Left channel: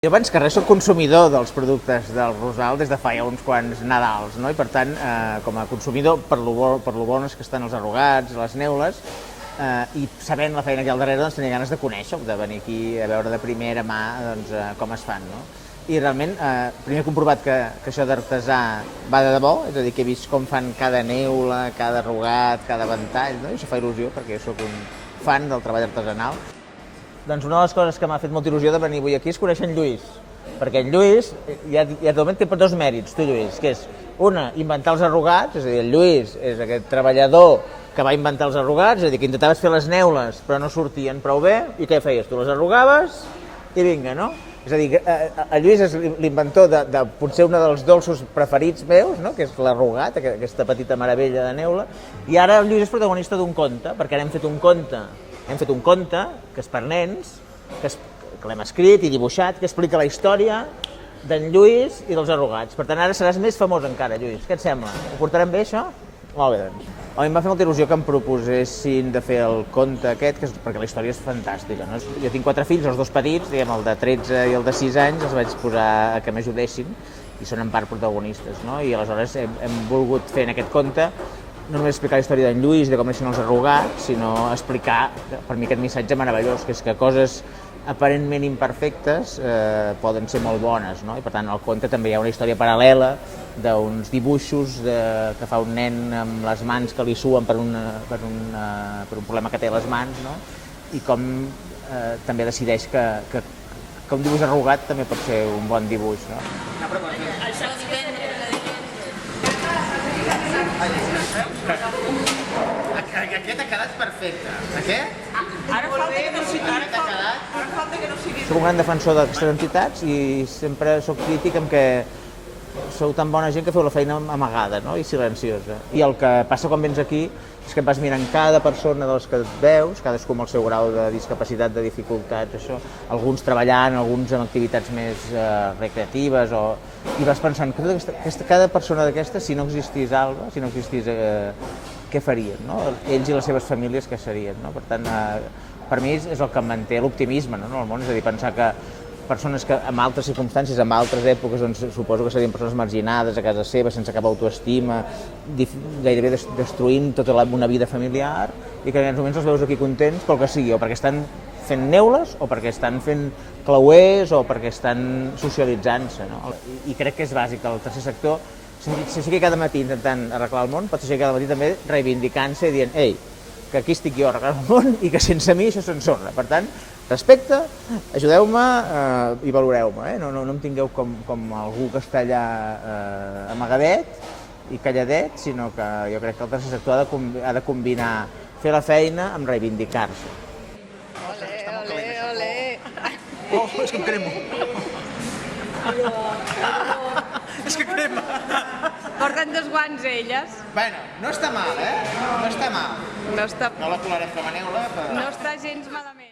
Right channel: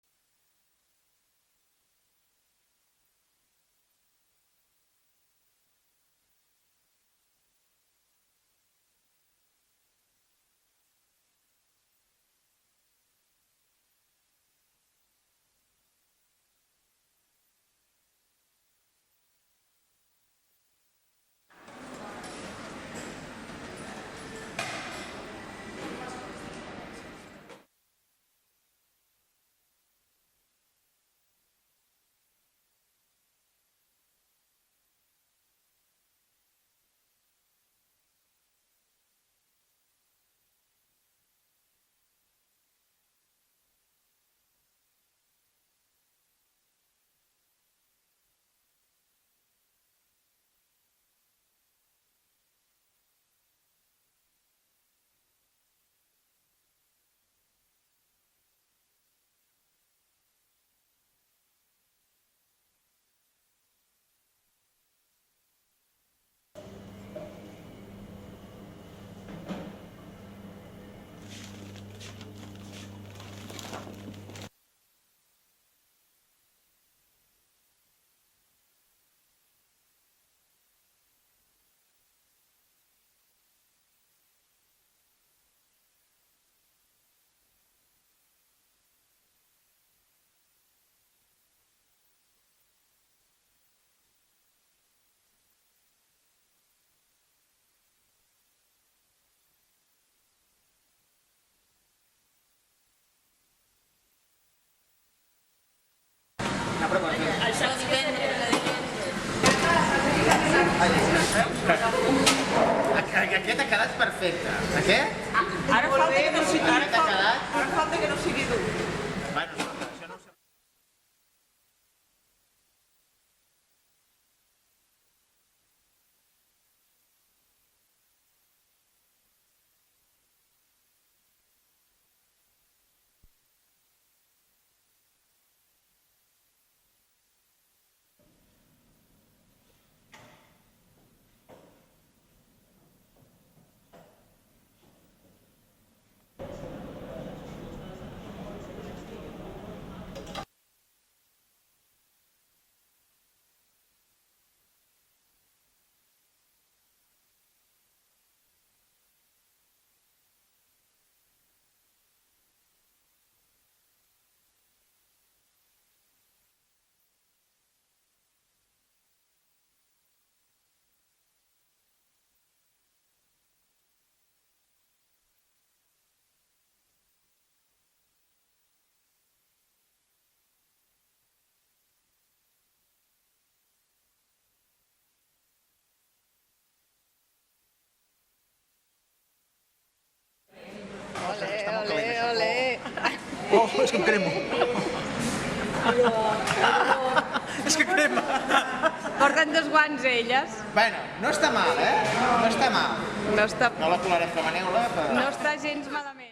Jo abans que res soc consumidor dels productes del Rosal des de fa ja uns quants Nadals, no? I per tant, com a consumidor, per lo bones que estan els arrugats, les neules, i sabent la feina que hi ha al darrere, doncs tenia ganes de conèixer, de venir aquí a veure de primera mà doncs, com es fan, no? I realment, primer he comprovat que això d'artesà va de debò, és a dir, que he vist com fan cada neula, cada arrugat, cada ventall, no? I això fa il·lusió, perquè soc un fan del treball artesanal. Doncs una de les coses que m'ha fet molta il·lusió de venir avui aquí és conèixer en Lluís, perquè en Lluís ja de moment té dos mèrits, tu Lluís, que és, una, inventar els arrugats, és a dir, el Lluís és aquest treballador que va inventar els arrugats, és a dir, que intentaves fer les neules però no sortien prou bé, i què feies? Tu les arrugaves i vinga, no? És a dir, el Lluís és l'inventor de potser un dels dolços preferits meus, no? Que és l'arrugat, aquesta petita meravella de neula, i ara el Lluís és protagonista d'un conte, perquè ara hem fet un conte que és per nens, que l'hem escrit i dibuixat, que explica la història d'en Lluís i dels arrugats. Per tant, ara seràs més famós encara, Lluís. Què et sembla? Ho portarem bé, això? Molt bé, doncs. A mi em va fer molta il·lusió que em proposessin de fer el conte aquest, perquè la història és fantàstica, no? Jo tinc 4 fills, els 2 petits, diguem, el de 13 i el de 6 anys, els vaig posar a que m'ajudessin, i són en part protagonistes, no? I aleshores hem volgut fer en aquest conte no només explicar la història d'en Lluís, de com neixen els arrugats, sinó explicar, per mi, aquest missatge meravellós, que és que coses aparentment imperfectes poden ser molt bones, no? I per tant, al conte també hi ha una història paral·lela d'uns dibuixos que fa un nen amb les mans que li suen per un problema que té a les mans, no? I com també decideix que un dibuix arrugat també pot ser un bon dibuix, no? Això Aquest ha quedat perfecte. Aquest? Ara falta que no sigui... Soc un gran defensor d'aquestes entitats i sempre soc crític amb que sou tan bona gent que feu la feina amagada, no? I silenciosa. I el que passa quan vens aquí és que et vas mirant cada persona dels que et veus, cadascú amb el seu grau de discapacitat, de dificultats, això, alguns treballant, alguns amb activitats més recreatives, i vas pensant que cada persona d'aquestes, si no existís Alba, si no existís, què farien, no? Ells i les seves famílies què serien, no? Per tant, per mi és el que em manté l'optimisme, no? En el món, és a dir, pensar que persones que en altres circumstàncies, en altres èpoques, doncs suposo que serien persones marginades a casa seva, sense cap autoestima, gairebé destruint tota una vida familiar, i que en aquests moments els veus aquí contents pel que sigui, o perquè estan fent neules, o perquè estan fent clauers, o perquè estan socialitzant-se, no? I crec que és bàsic que el tercer sector s'aixequi cada matí intentant arreglar el món, pot s'aixequi cada matí també reivindicant-se i dient, ei, que aquí estic jo arreglant el món i que sense mi això s'ensorra. Per tant, respecte, ajudeu-me i valoreu-me, no em tingueu com algú que està allà amagadet i calladet, sinó que jo crec que el tercer sector ha de combinar fer la feina amb reivindicar-se. Olé, olé, olé. Oh, és que em cremo. És que crema. Porten 2 guants, elles. Bueno, no està mal, No està mal. No està No la colarem com a neula, però... gens malament.